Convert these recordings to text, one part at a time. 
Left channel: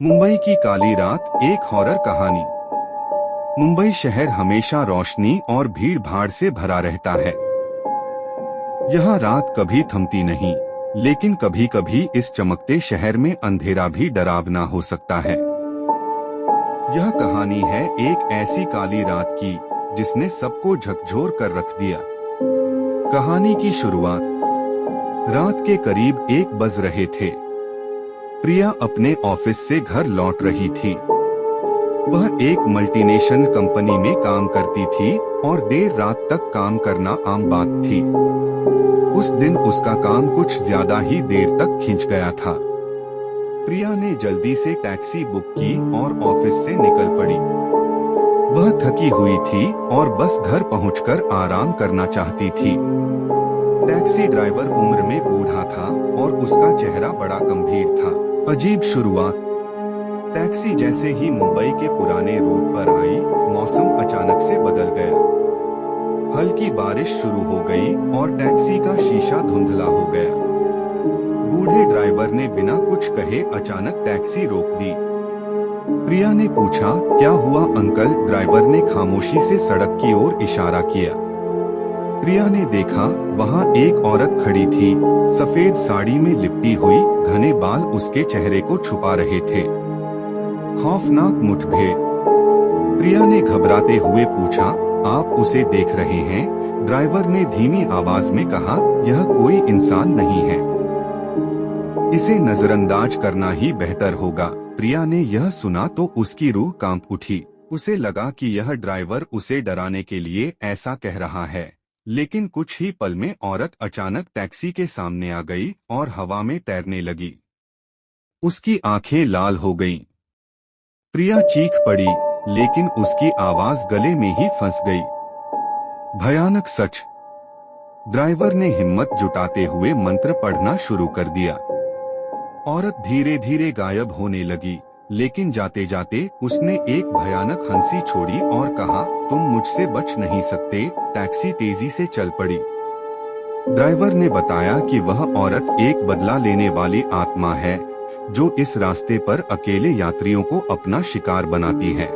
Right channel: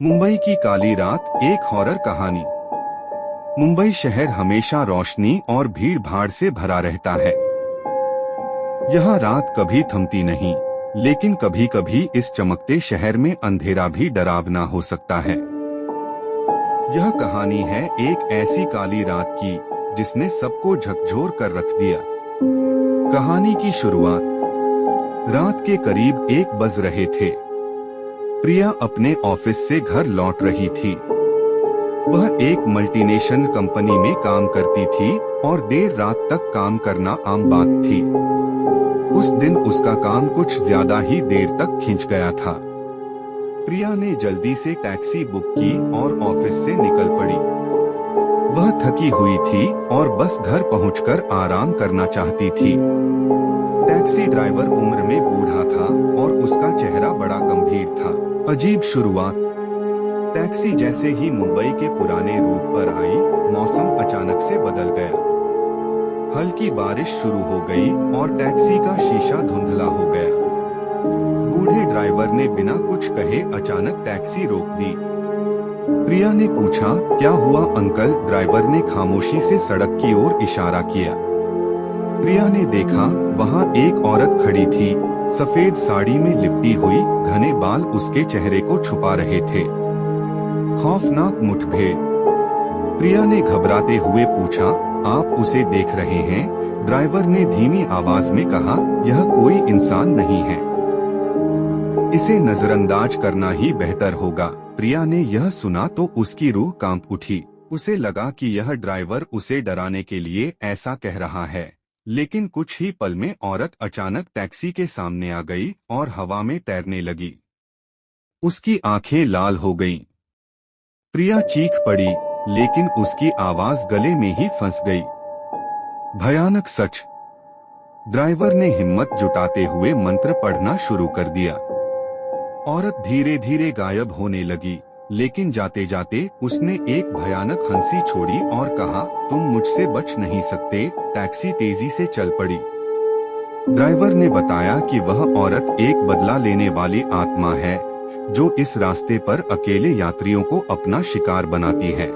मुंबई की काली रात, एक हॉरर कहानी। मुंबई शहर हमेशा रोशनी और भीड़ भाड़ से भरा रहता है। यहाँ रात कभी थमती नहीं, लेकिन कभी कभी इस चमकते शहर में अंधेरा भी डरावना हो सकता है। यह कहानी है एक ऐसी काली रात की जिसने सबको झकझोर कर रख दिया। कहानी की शुरुआत रात के करीब 1 बज रहे थे। प्रिया अपने ऑफिस से घर लौट रही थी। वह एक मल्टीनेशनल कंपनी में काम करती थी और देर रात तक काम करना आम बात थी। उस दिन उसका काम कुछ ज्यादा ही देर तक खिंच गया था। प्रिया ने जल्दी से टैक्सी बुक की और ऑफिस से निकल पड़ी। वह थकी हुई थी और बस घर पहुंचकर आराम करना चाहती थी। टैक्सी ड्राइवर उम्र में बूढ़ा था और उसका चेहरा बड़ा गंभीर था। अजीब शुरुआत। टैक्सी जैसे ही मुंबई के पुराने रूट पर आई, मौसम अचानक से बदल गया। हल्की बारिश शुरू हो गई और टैक्सी का शीशा धुंधला हो गया। बूढ़े ड्राइवर ने बिना कुछ कहे अचानक टैक्सी रोक दी। प्रिया ने पूछा, क्या हुआ अंकल? ड्राइवर ने खामोशी से सड़क की ओर इशारा किया। प्रिया ने देखा, वहाँ एक औरत खड़ी थी। सफेद साड़ी में लिपटी हुई, घने बाल उसके चेहरे को छुपा रहे थे। खौफनाक मुठभेड़। प्रिया ने घबराते हुए पूछा, आप उसे देख रहे हैं? ड्राइवर ने धीमी आवाज में कहा, यह कोई इंसान नहीं है, इसे नजरअंदाज करना ही बेहतर होगा। प्रिया ने यह सुना तो उसकी रूह कांप उठी। उसे लगा कि यह ड्राइवर उसे डराने के लिए ऐसा कह रहा है। लेकिन कुछ ही पल में औरत अचानक टैक्सी के सामने आ गई और हवा में तैरने लगी। उसकी आंखें लाल हो गईं। प्रिया चीख पड़ी, लेकिन उसकी आवाज गले में ही फंस गई। भयानक सच। ड्राइवर ने हिम्मत जुटाते हुए मंत्र पढ़ना शुरू कर दिया। औरत धीरे धीरे गायब होने लगी, लेकिन जाते जाते उसने एक भयानक हंसी छोड़ी और कहा, तुम मुझसे बच नहीं सकते। टैक्सी तेजी से चल पड़ी। ड्राइवर ने बताया कि वह औरत एक बदला लेने वाली आत्मा है, जो इस रास्ते पर अकेले यात्रियों को अपना शिकार बनाती है।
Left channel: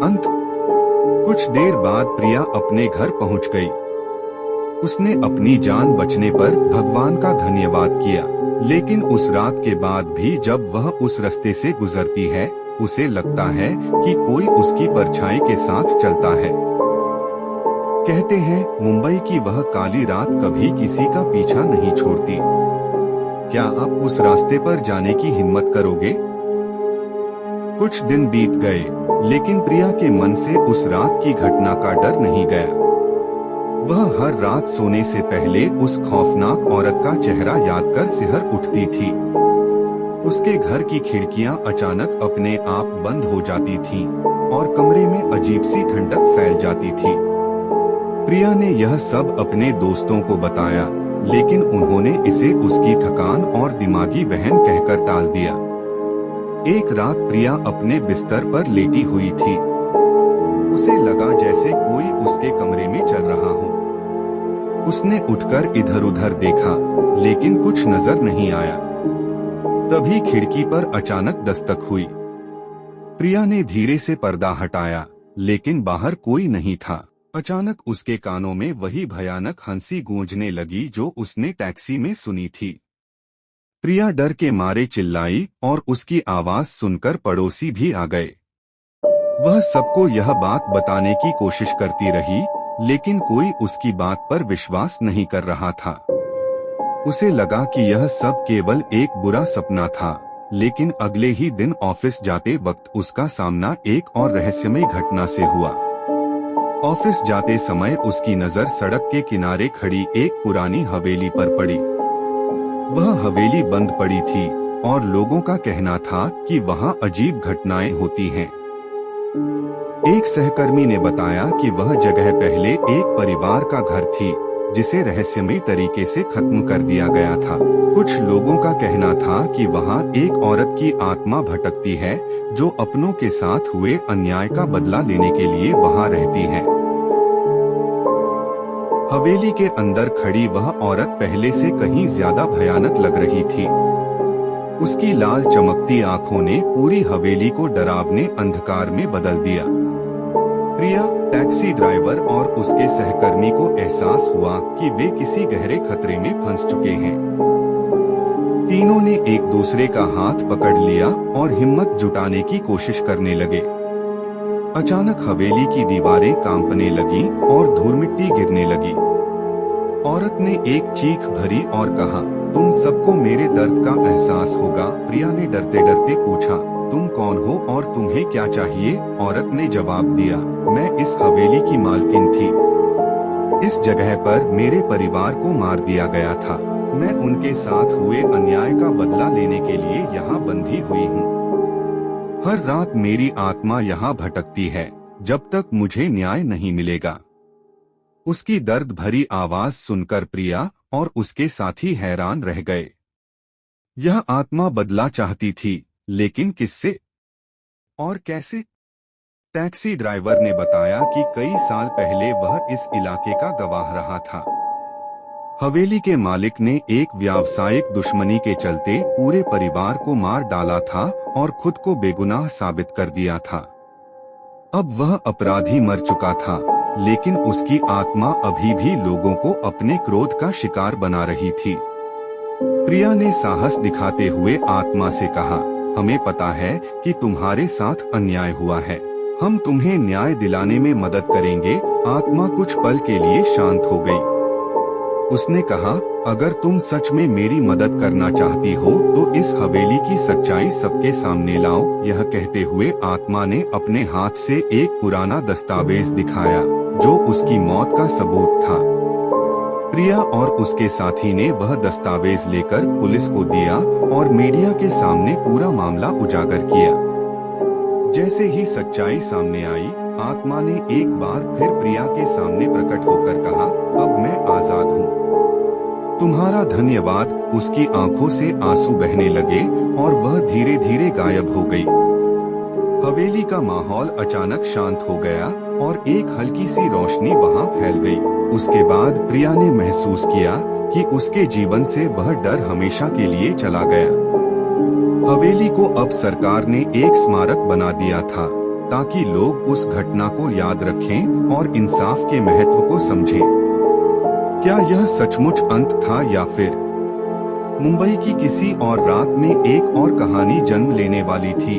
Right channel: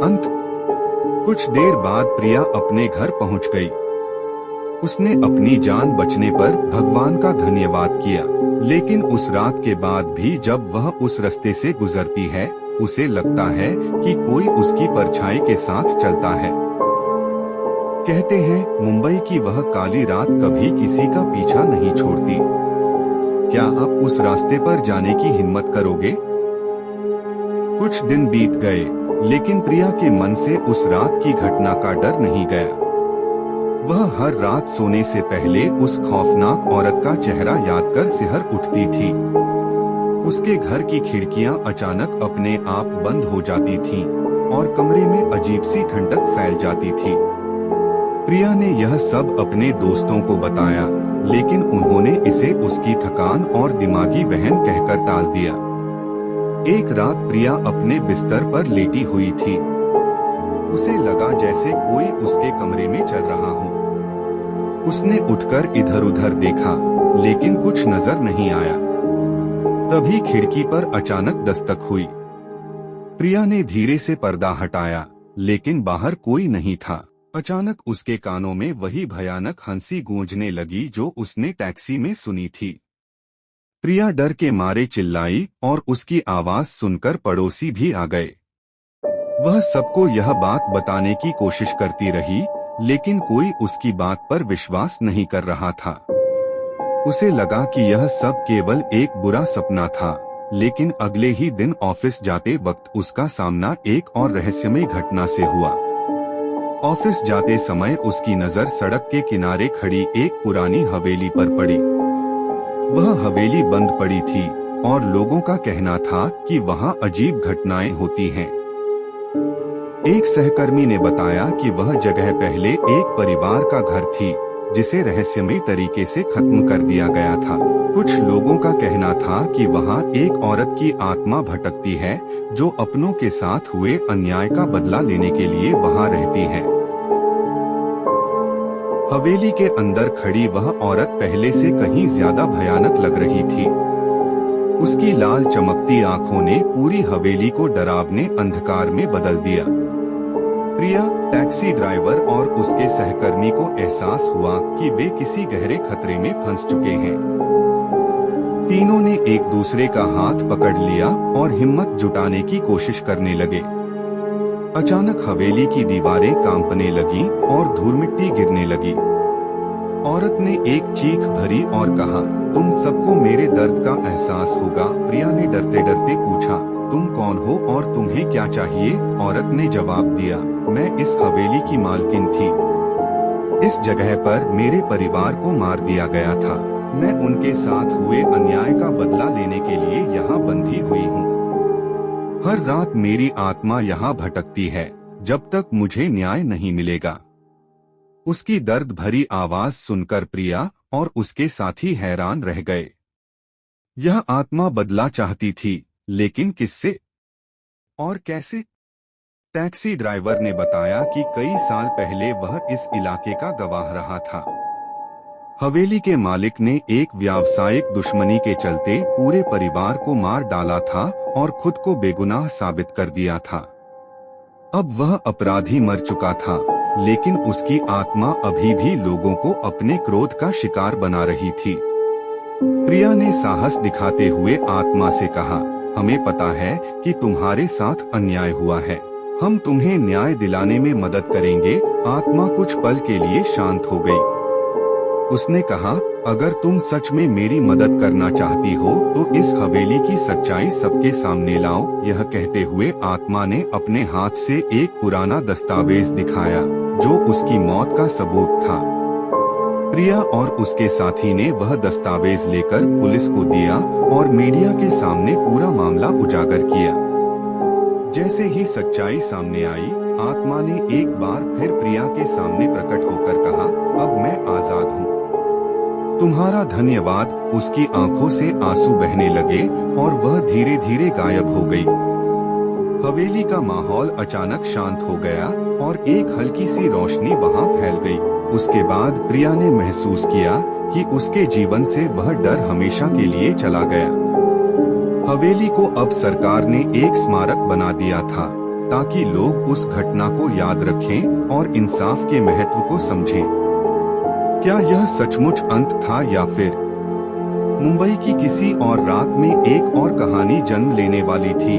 अंत। कुछ देर बाद प्रिया अपने घर पहुंच गई। उसने अपनी जान बचने पर भगवान का धन्यवाद किया। लेकिन उस रात के बाद भी जब वह उस रास्ते से गुजरती है, उसे लगता है कि कोई उसकी परछाई के साथ चलता है। कहते हैं, मुंबई की वह काली रात कभी किसी का पीछा नहीं छोड़ती। क्या आप उस रास्ते पर जाने की हिम्मत करोगे? कुछ दिन बीत गए, लेकिन प्रिया के मन से उस रात की घटना का डर नहीं गया। वह हर रात सोने से पहले उस खौफनाक औरत का चेहरा याद कर सिहर उठती थी। उसके घर की खिड़कियां अचानक अपने आप बंद हो जाती थीं और कमरे में अजीब सी ठंडक फैल जाती थी। प्रिया ने यह सब अपने दोस्तों को बताया, लेकिन उन्होंने इसे उसकी थकान और दिमागी वहम कहकर टाल दिया। एक रात प्रिया अपने बिस्तर पर लेटी हुई थी। उसे लगा जैसे कोई उसके कमरे में चल रहा हो। उसने उठकर इधर उधर देखा, लेकिन कुछ नजर नहीं आया। तभी खिड़की पर अचानक दस्तक हुई। प्रिया ने धीरे से पर्दा हटाया, लेकिन बाहर कोई नहीं था। अचानक उसके कानों में वही भयानक हंसी गूंजने लगी जो उसने टैक्सी में सुनी थी। प्रिया डर के मारे चिल्लाई और उसकी आवाज सुनकर पड़ोसी भी आ गए। वह सबको यह बात बताने की कोशिश करती रही, लेकिन कोई उसकी बात पर विश्वास नहीं कर रहा था। उसे लगा कि यह सब केवल एक बुरा सपना था, लेकिन अगले ही दिन ऑफिस जाते वक्त उसका सामना एक और रहस्यमय घटना से हुआ। ऑफिस जाते समय उसकी नजर सड़क के किनारे खड़ी एक पुरानी हवेली पर पड़ी। वह हवेली बंद पड़ी थी और लोगों का कहना था कि वहाँ अजीब घटनाएं होती हैं। एक सहकर्मी ने बताया कि वह जगह पहले एक परिवार का घर थी, जिसे रहस्यमय तरीके से खत्म कर दिया गया था। कुछ लोगों का कहना था कि वहाँ एक औरत की आत्मा भटकती है, जो अपनों के साथ हुए अन्याय का बदला लेने के लिए वहाँ रहती है। हवेली के अंदर खड़ी वह औरत पहले से कहीं ज्यादा भयानक लग रही थी। उसकी लाल चमकती आंखों ने पूरी हवेली को डरावने अंधकार में बदल दिया। प्रिया, टैक्सी ड्राइवर और उसके सहकर्मी को एहसास हुआ कि वे किसी गहरे खतरे में फंस चुके हैं। तीनों ने एक दूसरे का हाथ पकड़ लिया और हिम्मत जुटाने की कोशिश करने लगे। अचानक हवेली की दीवारें कांपने लगीं और धूल मिट्टी गिरने लगी। औरत ने एक चीख भरी और कहा, तुम सबको मेरे दर्द का एहसास होगा। प्रिया ने डरते डरते पूछा, तुम कौन हो और तुम्हें क्या चाहिए? औरत ने जवाब दिया, मैं इस हवेली की मालकिन थी। इस जगह पर मेरे परिवार को मार दिया गया था। मैं उनके साथ हुए अन्याय का बदला लेने के लिए यहाँ बंधी हुई हूँ। हर रात मेरी आत्मा यहाँ भटकती है जब तक मुझे न्याय नहीं मिलेगा। उसकी दर्द भरी आवाज सुनकर प्रिया और उसके साथी हैरान रह गए। यह आत्मा बदला चाहती थी, लेकिन किससे और कैसे? टैक्सी ड्राइवर ने बताया कि कई साल पहले वह इस इलाके का गवाह रहा था। हवेली के मालिक ने एक व्यावसायिक दुश्मनी के चलते पूरे परिवार को मार डाला था और खुद को बेगुनाह साबित कर दिया था। अब वह अपराधी मर चुका था, लेकिन उसकी आत्मा अभी भी लोगों को अपने क्रोध का शिकार बना रही थी। प्रिया ने साहस दिखाते हुए आत्मा से कहा, हमें पता है कि तुम्हारे साथ अन्याय हुआ है। हम तुम्हें न्याय दिलाने में मदद करेंगे। आत्मा कुछ पल के लिए शांत हो गई। उसने कहा, अगर तुम सच में मेरी मदद करना चाहती हो तो इस हवेली की सच्चाई सबके सामने लाओ। यह कहते हुए आत्मा ने अपने हाथ से एक पुराना दस्तावेज दिखाया जो उसकी मौत का सबूत था। प्रिया और उसके साथी ने वह दस्तावेज लेकर पुलिस को दिया और मीडिया के सामने पूरा मामला उजागर किया। जैसे ही सच्चाई सामने आई, आत्मा ने एक बार फिर प्रिया के सामने प्रकट होकर कहा, अब मैं आजाद हूँ। तुम्हारा धन्यवाद। उसकी आंखों से आंसू बहने लगे और वह धीरे धीरे गायब हो गई। हवेली का माहौल अचानक शांत हो गया और एक हल्की सी रोशनी वहां फैल गई। उसके बाद प्रिया ने महसूस किया कि उसके जीवन से वह डर हमेशा के लिए चला गया। हवेली को अब सरकार ने एक स्मारक बना दिया था ताकि लोग उस घटना को याद रखें और इंसाफ के महत्व को समझें। क्या यह सचमुच अंत था या फिर मुंबई की किसी और रात में एक और कहानी जन्म लेने वाली थी?